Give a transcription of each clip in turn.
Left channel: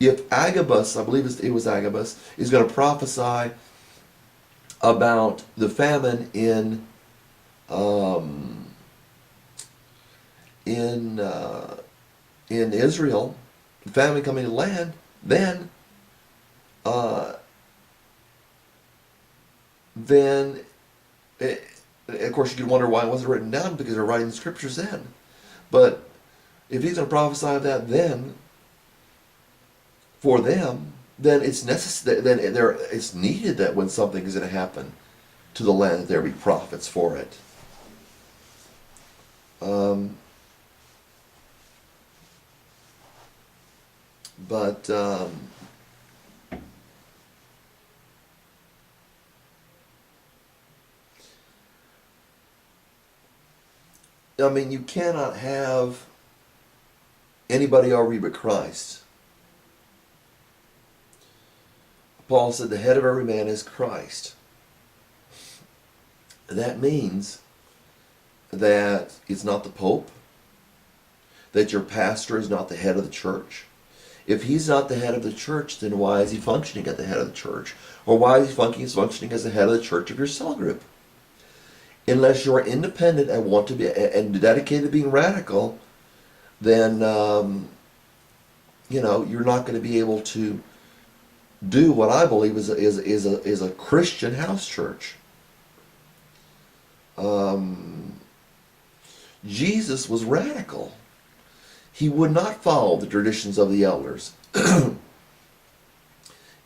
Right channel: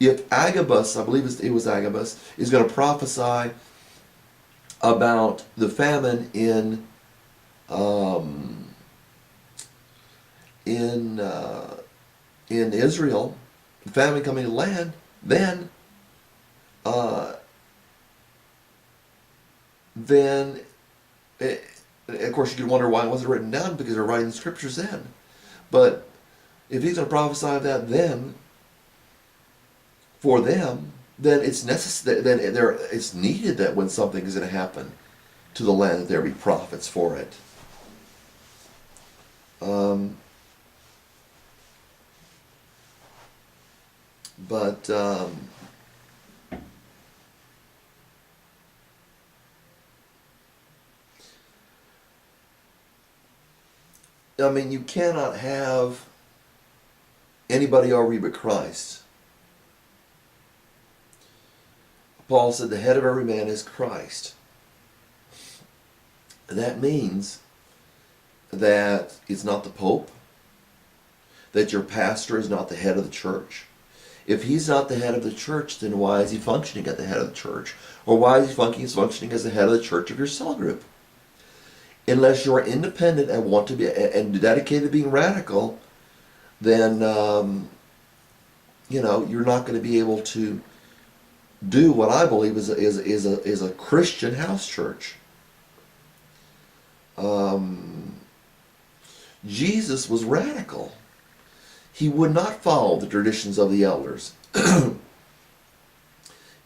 if Agabus, I believe it was Agabus, is going to prophesy about the famine um, in in Israel, famine coming to land, then uh, then it, of course you could wonder why it wasn't written down, because they're writing the scriptures then. But if he's going to prophesy of that then for them, then it's necessary. Then it's needed that when something is going to happen to the land, that there be prophets for it. Um, but I mean, you cannot have anybody over you but Christ. Paul said the head of every man is Christ. That means that it's not the Pope, that your pastor is not the head of the church. If he's not the head of the church, then why is he functioning at the head of the church? Or why is he functioning as the head of the church of your cell group? Unless you're independent and want to be and dedicated to being radical, then you're not going to be able to do what I believe is a Christian house church. Jesus was radical. He would not follow the traditions of the elders,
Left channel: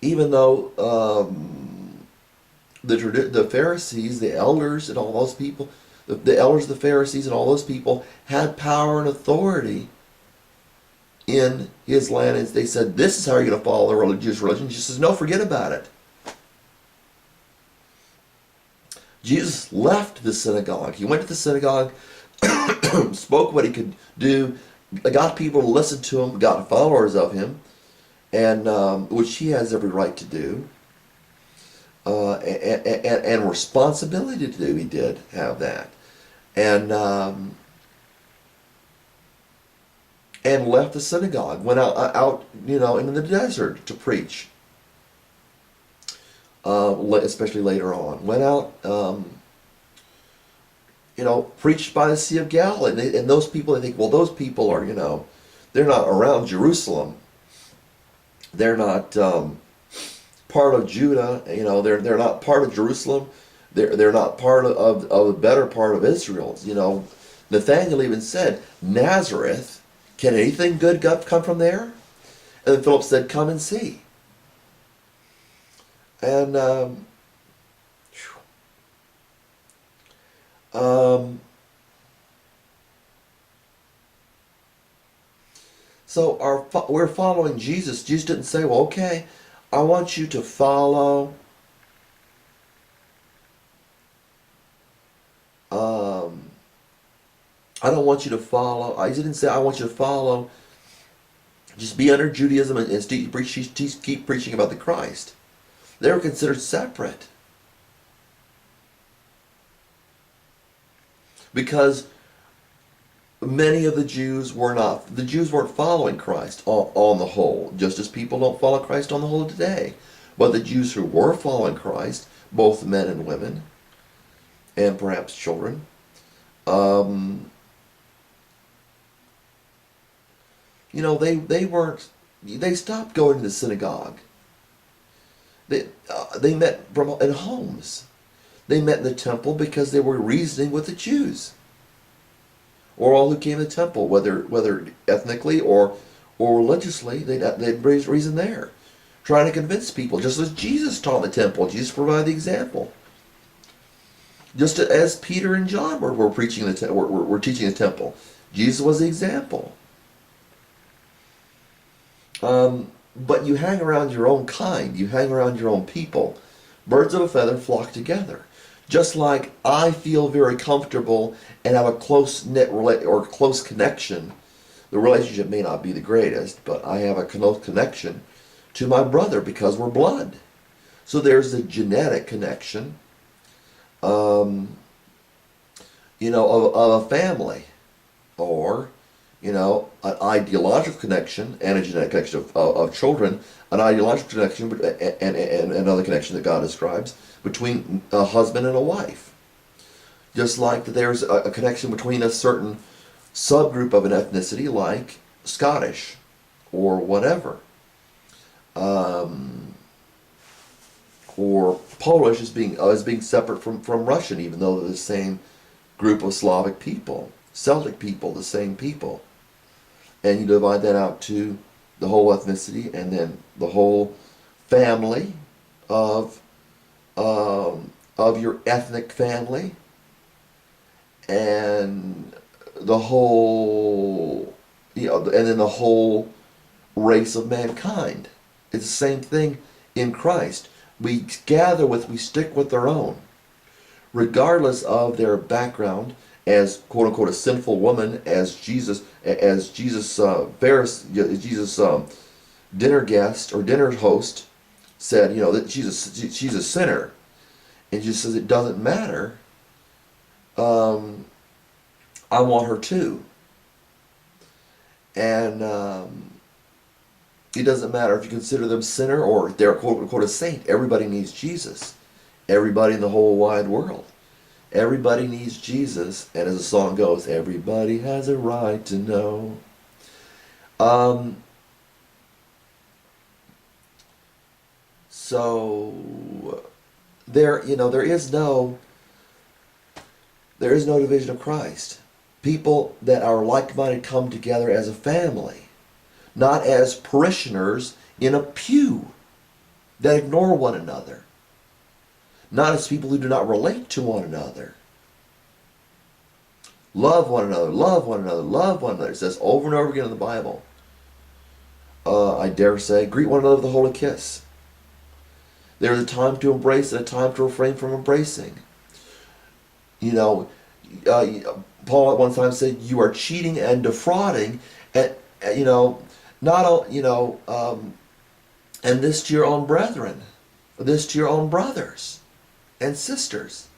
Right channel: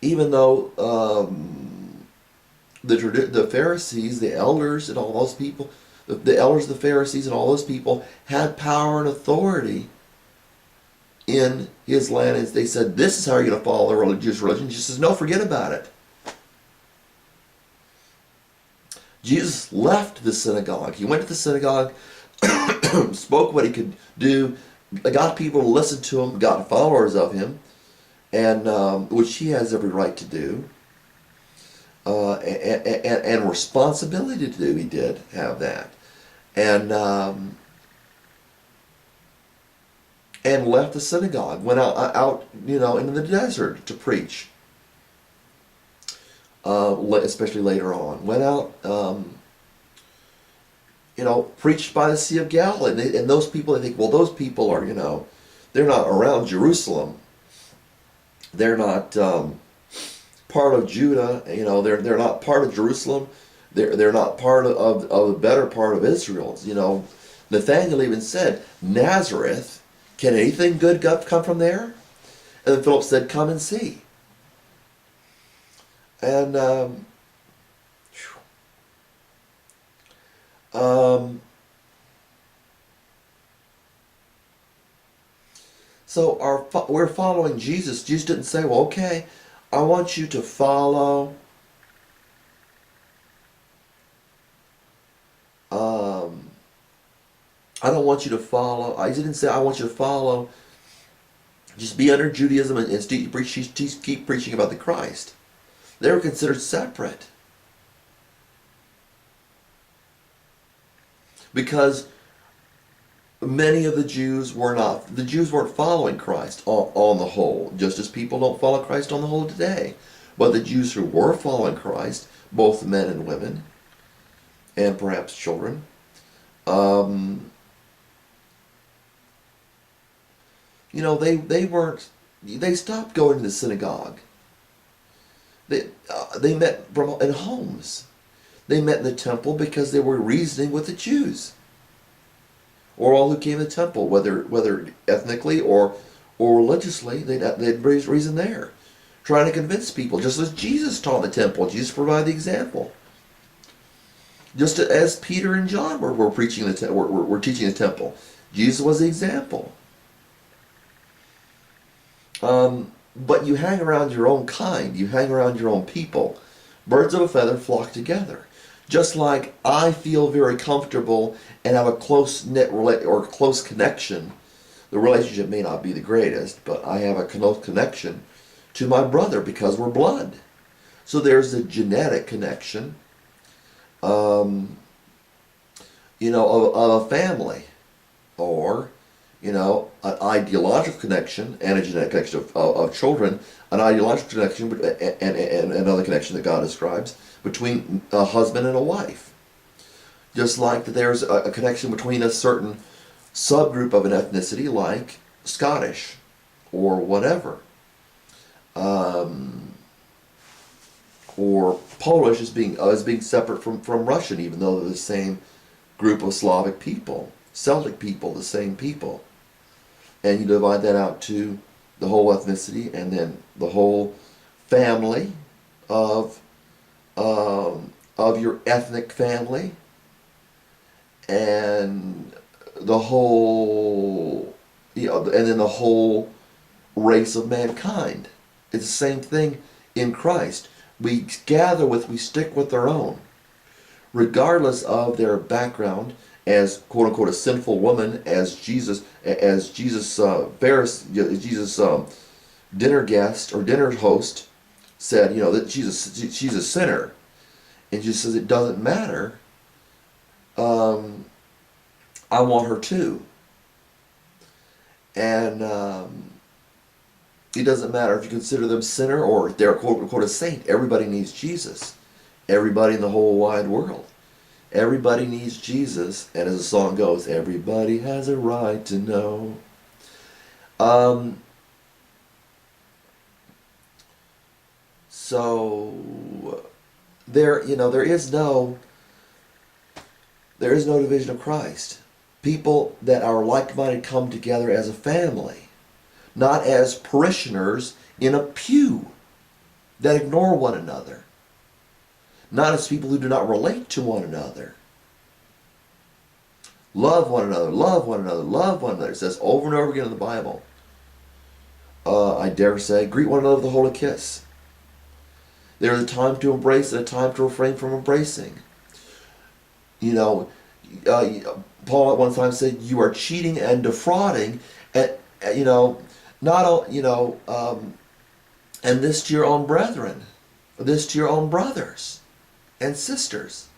even though the Pharisees, the elders, and all those people, the elders, the Pharisees, and all those people had power and authority in his land, and they said, "This is how you're going to follow the religious religion." Jesus says, "No, forget about it." Jesus left the synagogue. He went to the synagogue, spoke what he could do, got people to listen to him, got followers of him, and which he has every right to do, and responsibility to do. He did have that, and left the synagogue, went out into the desert to preach. Especially later on, went out, preached by the Sea of Galilee, and those people, they think, well, those people are, they're not around Jerusalem, they're not part of Judah, they're not part of Jerusalem, they're not part of the better part of Israel. Nathanael even said, "Nazareth, can anything good come from there?" And then Philip said, "Come and see." And so we're following Jesus. Jesus didn't say, "Well, okay, I want you to follow I don't want you to follow." He didn't say, "I want you to follow, just be under Judaism and keep preaching about the Christ." They were considered separate, because many of the Jews weren't following Christ on the whole, just as people don't follow Christ on the whole today. But the Jews who were following Christ, both men and women, and perhaps children, they stopped going to the synagogue. They met in homes. They met in the temple because they were reasoning with the Jews, or all who came to the temple, whether ethnically or religiously. They'd reason there, trying to convince people, just as Jesus taught in the temple. Jesus provided the example. Just as Peter and John were preaching were teaching the temple, Jesus was the example. But you hang around your own kind, you hang around your own people. Birds of a feather flock together. Just like I feel very comfortable and have a close-knit or close connection. The relationship may not be the greatest, but I have a close connection to my brother because we're blood. So there's a genetic connection, of a family, or an ideological connection and a genetic connection of children, an ideological connection and another connection that God describes between a husband and a wife. Just like that there's a connection between a certain subgroup of an ethnicity like Scottish or whatever. Or Polish as being separate from Russian, even though they're the same group of Slavic people, Celtic people, the same people. And you divide that out to the whole ethnicity and then the whole family of your ethnic family and the whole, and then the whole race of mankind. It's the same thing in Christ. We stick with their own, regardless of their background as quote unquote a sinful woman, as Jesus dinner guest or dinner host said, that she's a sinner, and Jesus says it doesn't matter. I want her too, and it doesn't matter if you consider them sinner or if they're quote unquote a saint. Everybody needs Jesus. Everybody in the whole wide world. Everybody needs Jesus. And as the song goes, everybody has a right to know. So there is no division of Christ. People that are like-minded come together as a family, not as parishioners in a pew that ignore one another, not as people who do not relate to one another. Love one another, love one another, love one another. It says over and over again in the Bible. I dare say, greet one another with a holy kiss. There is a time to embrace and a time to refrain from embracing. Paul at one time said, you are cheating and defrauding, and and this to your own brethren, this to your own brothers and sisters.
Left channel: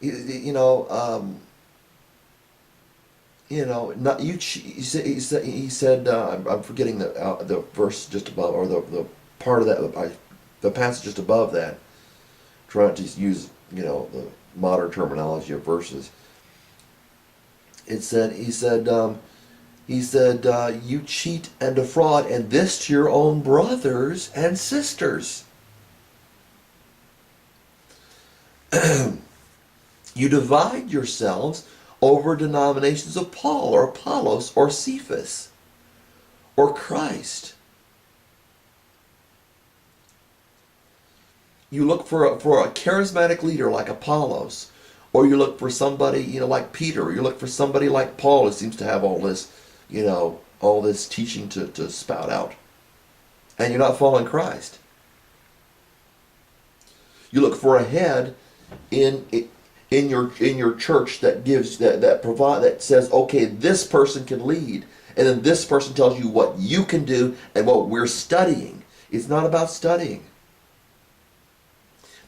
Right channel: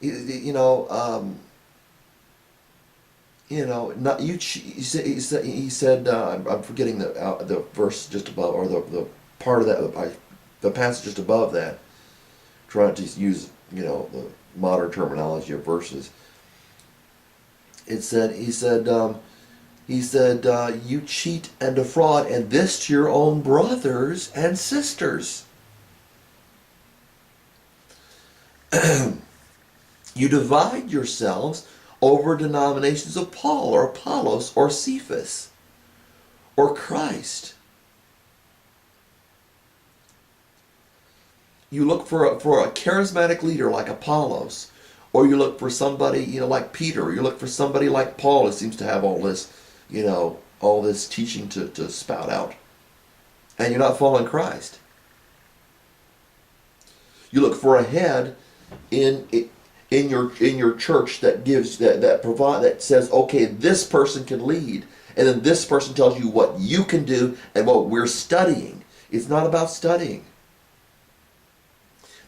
Not you. He said. I'm forgetting the verse just above, or the part of that, the passage just above that. Trying to use the modern terminology of verses. He said, you cheat and defraud, and this to your own brothers and sisters. You divide yourselves over denominations of Paul or Apollos or Cephas or Christ. You look for a charismatic leader like Apollos, or you look for somebody like Peter, or you look for somebody like Paul who seems to have all this teaching to spout out, and you're not following Christ. You look for a head in your church that says, okay, this person can lead, and then this person tells you what you can do and what we're studying. It's not about studying.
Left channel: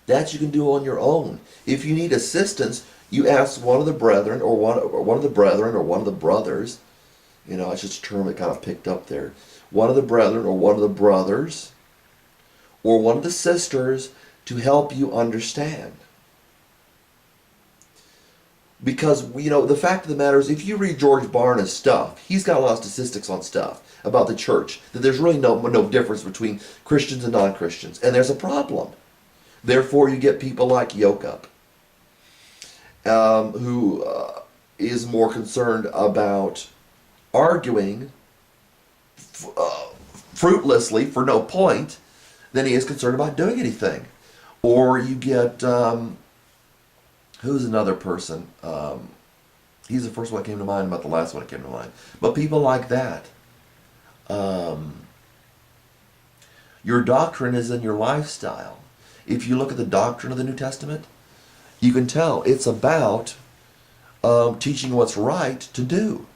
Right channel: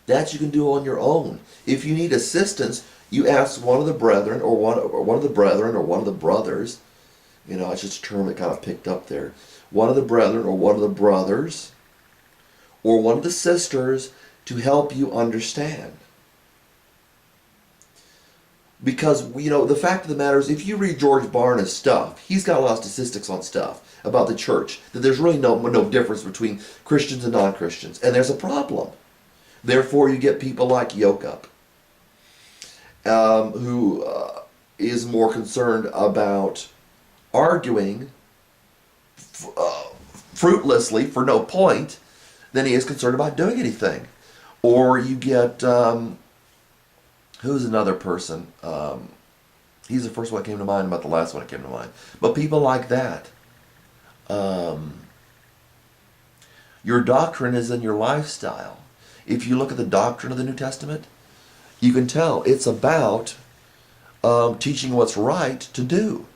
That you can do on your own. If you need assistance, you ask one of the brethren or one of the brothers. It's just a term that kind of picked up there. One of the brethren or one of the brothers or one of the sisters to help you understand. Because, the fact of the matter is, if you read George Barna's stuff, he's got a lot of statistics on stuff about the church, that there's really no difference between Christians and non-Christians. And there's a problem. Therefore, you get people like Yokup, who is more concerned about arguing fruitlessly for no point than he is concerned about doing anything. Or you get, who's another person? He's the first one that came to mind, about the last one that came to mind. But people like that. Your doctrine is in your lifestyle. If you look at the doctrine of the New Testament, you can tell it's about teaching what's right to do.